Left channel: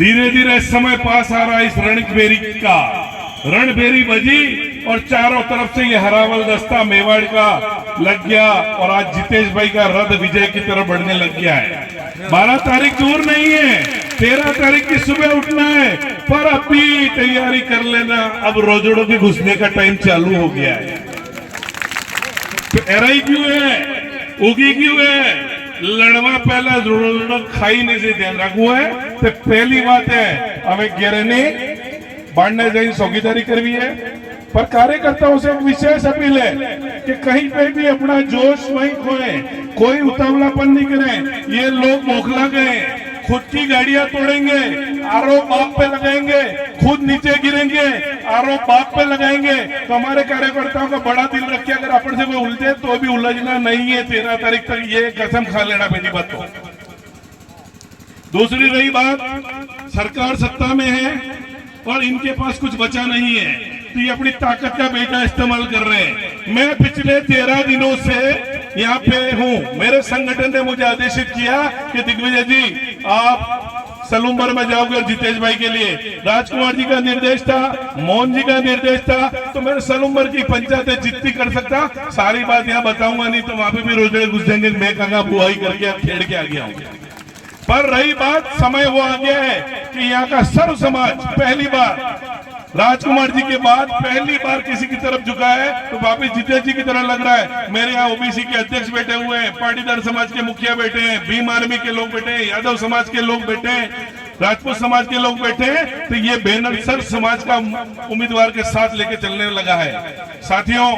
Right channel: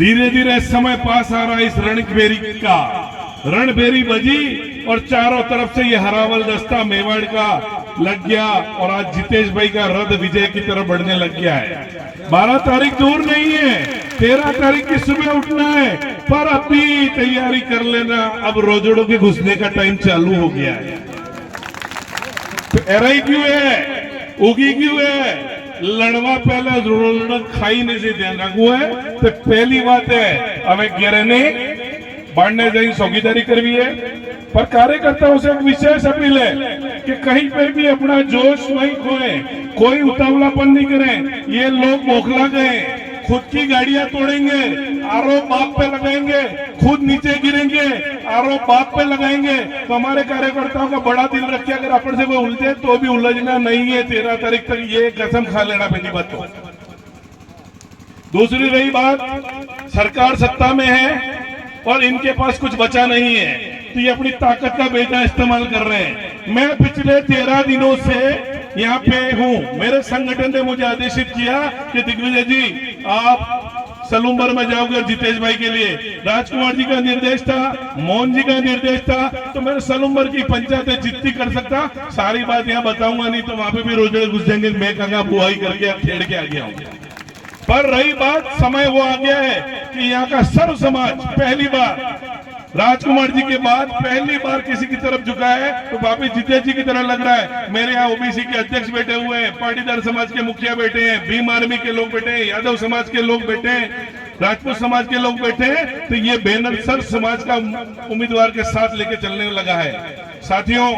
धीरे धीरे समय पास आ रहा है इस रणबेरी का। रणबेरी बजी और चारों तरफ से ये हरावल दस्ता मेवाड़ का लग गया और आज जितेश भाई का रथ विजय की तरफ बढ़ने लग गया है। 12 तारीख दूर नहीं है, 13 तारीख की सुबह उठना है, पर अभी तैयारी कर लेना। अब रोजड़ों के घुसने का टाइम चालू हो गया है। तो एराई क्यों है, उगी क्यों है, लड़वा पहला रोजड़ा खाई नहीं से ध्यान रखो है। तो पहली बात है हमें गिरने बांटने जाए चौकीदारी करवी है, पर कार्यकर्ताओं से एक विशेष अपील है कि कहीं पे भी अपना जोश वहीं खोए, कोई उतावलापन नहीं करें। ये लोग मोखला गए, खुद की गाड़ियां तोड़ेंगे, आरोप बाप पे लगाएंगे, खुद नीचे गिरेंगे, आरोप बाप पे लगाएंगे। तो हमारे कार्यकर्ताओं का बड़ा दिल रखिए, अगर अपन से कोई उलझे तो भी उलझना नहीं है 13 तारीख तक, ये कसम खा लेना पहली बात। तो दूसरी रही बात, सरकार सत्ता में है और इनके पास कुछ बचा नहीं है, तो ये अपनी ताकत का बेजा इस्तेमाल कर रहे हैं। मैं पिछले 13 दिनों से यहाँ पे हूँ। मेरे संगठन ने मुझे आदेशित किया कि दिग्विजय जी आप सलूम्बर में जाओगे और जितेश भाई के लिए राजकुमार जी का निर्देश था, मोहन जी का निर्देश था, तो मैं सलूम्बर की पंचायत जितनी कर सकता सारी बात यहाँ बताऊंगा नहीं, तो वहां पे भी रोजड़े घुस जाएंगे। मैं कहा बुआई करके खेड़ के आ गया हूँ। पर रही बात, समय वो आ गया है कि यहाँ का सर्व समाज पहली बार राजकुमार जी के बाद पहली बार किसी की तरफ झुका है, तो वापिस जितेश जी की तरह लग रहा है। मेरे यहाँ ओबीसी के अध्यक्ष बैठे हुए हैं, पाटीदार समाज के मुखिया बैठे हैं, भीम आर्मी के लोग बैठे हैं, यादव समाज के लोग बैठे हैं, राजपूत समाज के लोग बैठे हैं। तो ये बैनर सर्व समाज का उम्मीदवार के साथ लेके चलने लगा है। साथियों,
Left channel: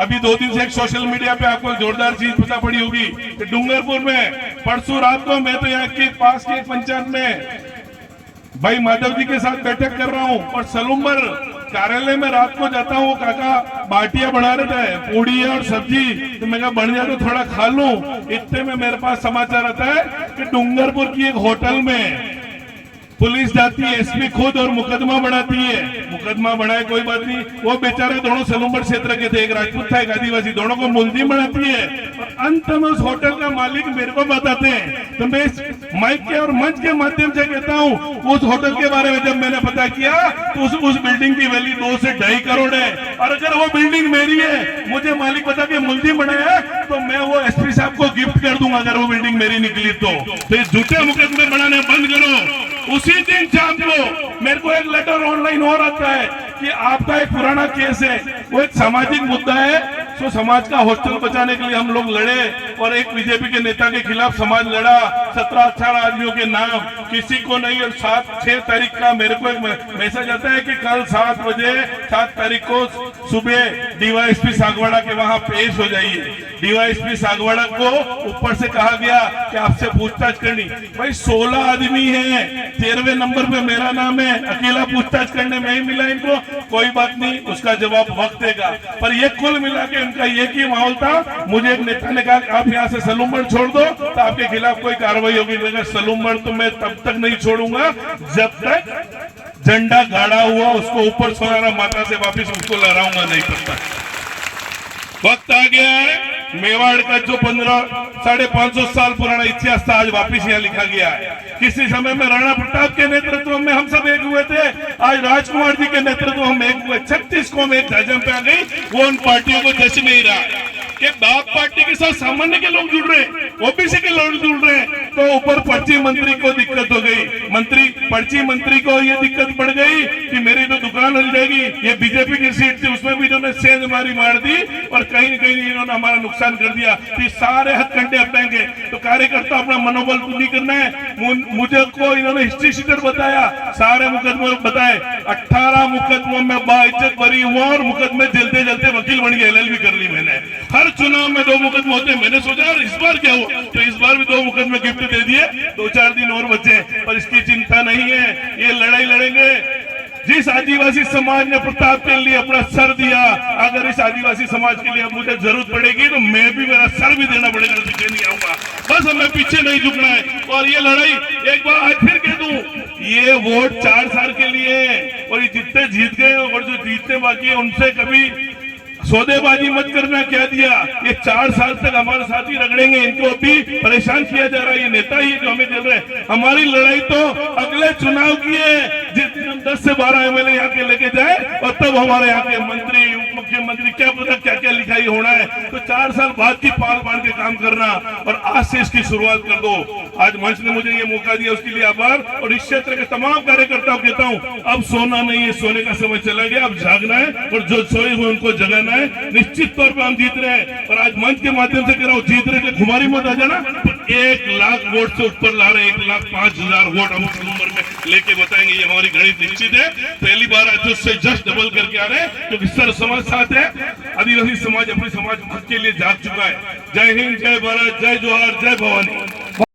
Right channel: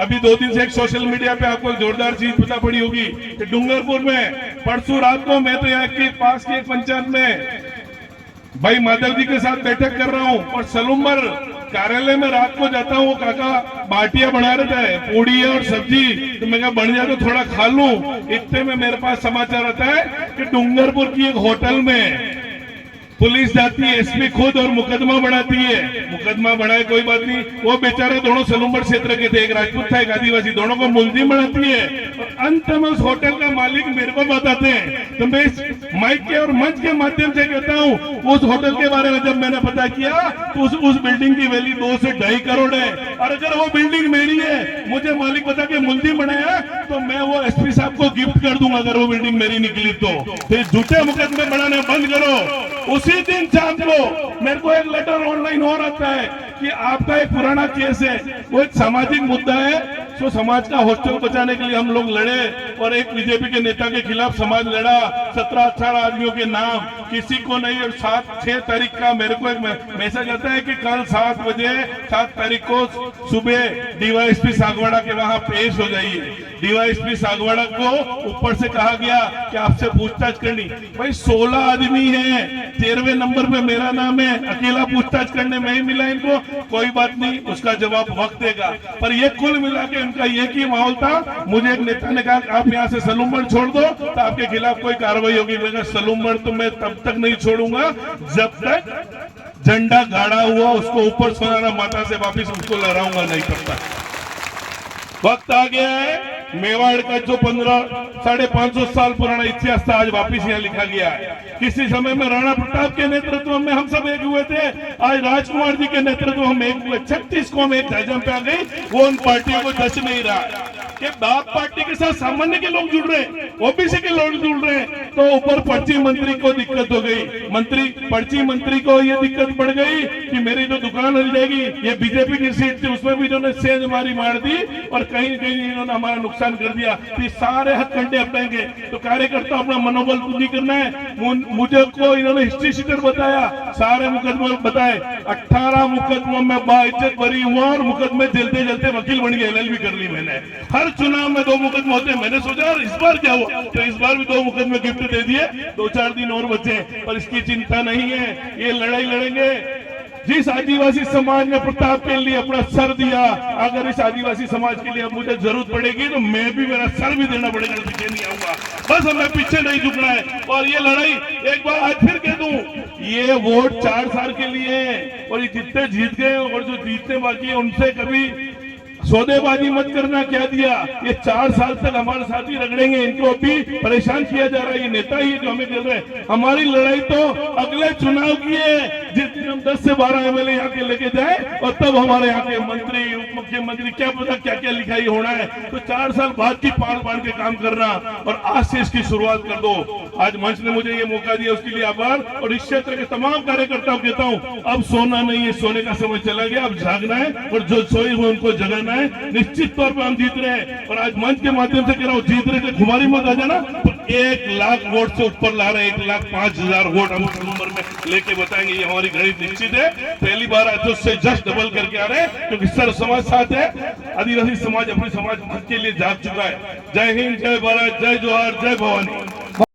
अभी 2 दिन से एक सोशल मीडिया पे आपको जोरदार चीज पता पड़ी होगी कि डूंगरपुर में परसों रात को मैं तो यहाँ के पास की एक पंचायत में भाई माधव जी के साथ बैठक कर रहा हूँ और सलूम्बर कार्यालय में रात को जाता हूँ। काका बाटियां बना रहे थे, पूड़ी और सब्जी, तो मैं कहा बन जाए तो थोड़ा खा लूं। इतने में मेरे पास समाचार आता है कि डूंगरपुर की एक होटल में पुलिस जाती है, एसपी खुद, और मुकदमा बढ़ाती है। मुकदमा बढ़ाए कोई बात नहीं, वो बेचारे दोनों सलूम्बर क्षेत्र के थे, एक राजपूत था एक आदिवासी, दोनों को मुलजिम बनाती है और अंत में उस होटल का मालिक मेरे को बताते हैं। तो मैं इस माइक के और मंच के माध्यम से कहता हूँ, उस होटल के बारे में जब मैंने पता किया तो उस बिल्डिंग की वैल्यू 2 से 2.5 करोड़ है, और अगर वो बिल्डिंग मेरी है, मुझे मालिक बता के मुलजिम बनाया, तो मैं वो एसपी साहब को गिफ्ट कर दूंगा अगर वो बिल्डिंग मेरी निकली तो। झूठे मुकदमे बढ़ाने बंद करो। उसी दिन शाम को मेरे को एक लेटर ऑनलाइन और आता है कि आपका एक पुराना केस है, वो एक सामाजिक मुद्दा है, तो समाज का हॉस्टल बचाने के लिए हम लोग लड़े और एक बीजेपी के नेता के खिलाफ समाज लड़ा, 17-18 आदमियों के नाम, किसी को नहीं। और 7-6 तारीख का मेरे को एक मैसेज आता है कि कल 7 बजे 7 तारीख को सुबह डीवाईएसपी सागवाड़ा के वहां पेश हो जाइए। डीवाईएसपी सागवाड़ा को ऊपर से कहा गया कि आपसे पूछताछ करनी। भाई 16 आदमी है, 13वें नंबर पे मेरा नाम है, अकेला पूछताछ करने में ही मिला इनको। कोई बात नहीं, उसका जवाब वक्त देगा। पर ये कुल मिला के इनका एक ही माहौल था। मुझे एक नेता ने कहा आप यहाँ से सलूम्बर छोड़ दो तो आपके खिलाफ कोई कार्रवाई होगी। मगर सलूम्बर तो मैं तब तक नहीं छोड़ूंगा जब तक झंडा गाड़ा हुआ उसको ऊपर सोनारा माता से वापिस उसको लहराऊंगा नहीं, तब तक। वक्त आ गया है, मेवाड़ का जो 550 साल पुराना इतिहास था आज वापिस यहाँ लिखा गया है। किसी समय में राणा प्रताप के नेतृत्व में हम सब एक हुए थे, आज राजकुमार जी के नेतृत्व में हम एक हुए। 36 कौम एक ध्वजा पे आ गई, वो उन पार्टियों को जच नहीं रहा कि बाप पार्टी के साथ सामान्य के लोग जुड़ रहे हैं, ओबीसी के लोग जुड़ रहे हैं, तो ऊपर पर्ची मंत्री को दिक्कत हो गई। पर्ची मंत्री को ये दिक्कत पड़ गई कि मेरी तो दुकान हिल जाएगी। ये बीजेपी की सीट थी, उसमें भी इन्होंने सेंध मार दी और कहीं कहीं इन्होंने हमारा नुकसान कर दिया। तो सारे हथकंडे अपनाएंगे, तो कार्यकर्ता अपना मनोबल नहीं करना है। मुझे को इन्होंने हिस्ट्री शीटर बताया, सारे मुकदमे बताए, 18 मुकदमों में बाइज्जत बरी हुआ और मुकदमे जलते जलते वकील बन गए, LLB कर ली मैंने। हर चुनाव में 2 मुकदमे होते हैं। मैंने सोचा इस बार क्या हुआ, तो इस बार भी 2 मुकदमे गिफ्ट दे दिए, 2-4 दिन और बचे। पर इसकी चिंता नहीं है, ये लड़ाई लड़ेंगे। जिस आदिवासी समाज ने प्रताप के लिए अपना सर दिया, अगर इस आदिवासी समाज के लिए मुझे जरूरत पड़ेगी तो मैं भी मेरा सर भी देना पड़ेगा, पीछे नहीं आऊंगा। बस हमें पीछे नहीं झुकना है। और ये लड़ाई एक बार आज फिर कह दूं, ये वोट 4 साल के लिए और ये जितने जीत गए और जो जीतने बाकी है उनसे कभी सौदेबाजी मत करना क्या दिया। ये 4 साल तक हमारे साथी रगड़ेंगे, इनको भी परेशान किया जा रहा है। ये नेता ही जो हमें दे रहे हैं। हमारी लड़ाई तो अगले चुनाव की है, जिस दिन हम 10 से 12 एमएलए यहाँ के लेके जाए और तब हमारे यहाँ के मंत्री उप मुख्यमंत्री क्या पता क्या क्या लिखाई होना है। तो 4 साल बाद की पाल बांध के काम करना और आज से इसकी शुरुआत कर दो। आज मंच ने मुझे ये मौका दिया, उसके लिए आभार। और इस क्षेत्र के तमाम कार्यकर्ताओं को कहता हूँ, अब सोना नहीं है, सोने का समय चला गया, अब जागना है और जो सोए हुए उनको जगाना है। निश्चित तौर पे हम जीत रहे हैं और आज मंच के माध्यम से कह रहा हूँ, जीत रहे थे खुमारी मत आ जाना, 1 लाख वोट से ऊपर ला रहे, 1,05,000 वोट हम नंबर में लेके बताएंगे। ये हमारी गणित निश्चित है। पहली बार आज उससे जस्ट डबल करके आ रहे हैं, क्योंकि सर्व समाज साथ है। आदिवासी समाज अपने समाज के लिए जाग चुका है। जय हिंद, जय भारत, जय जोहार, जय भवानी।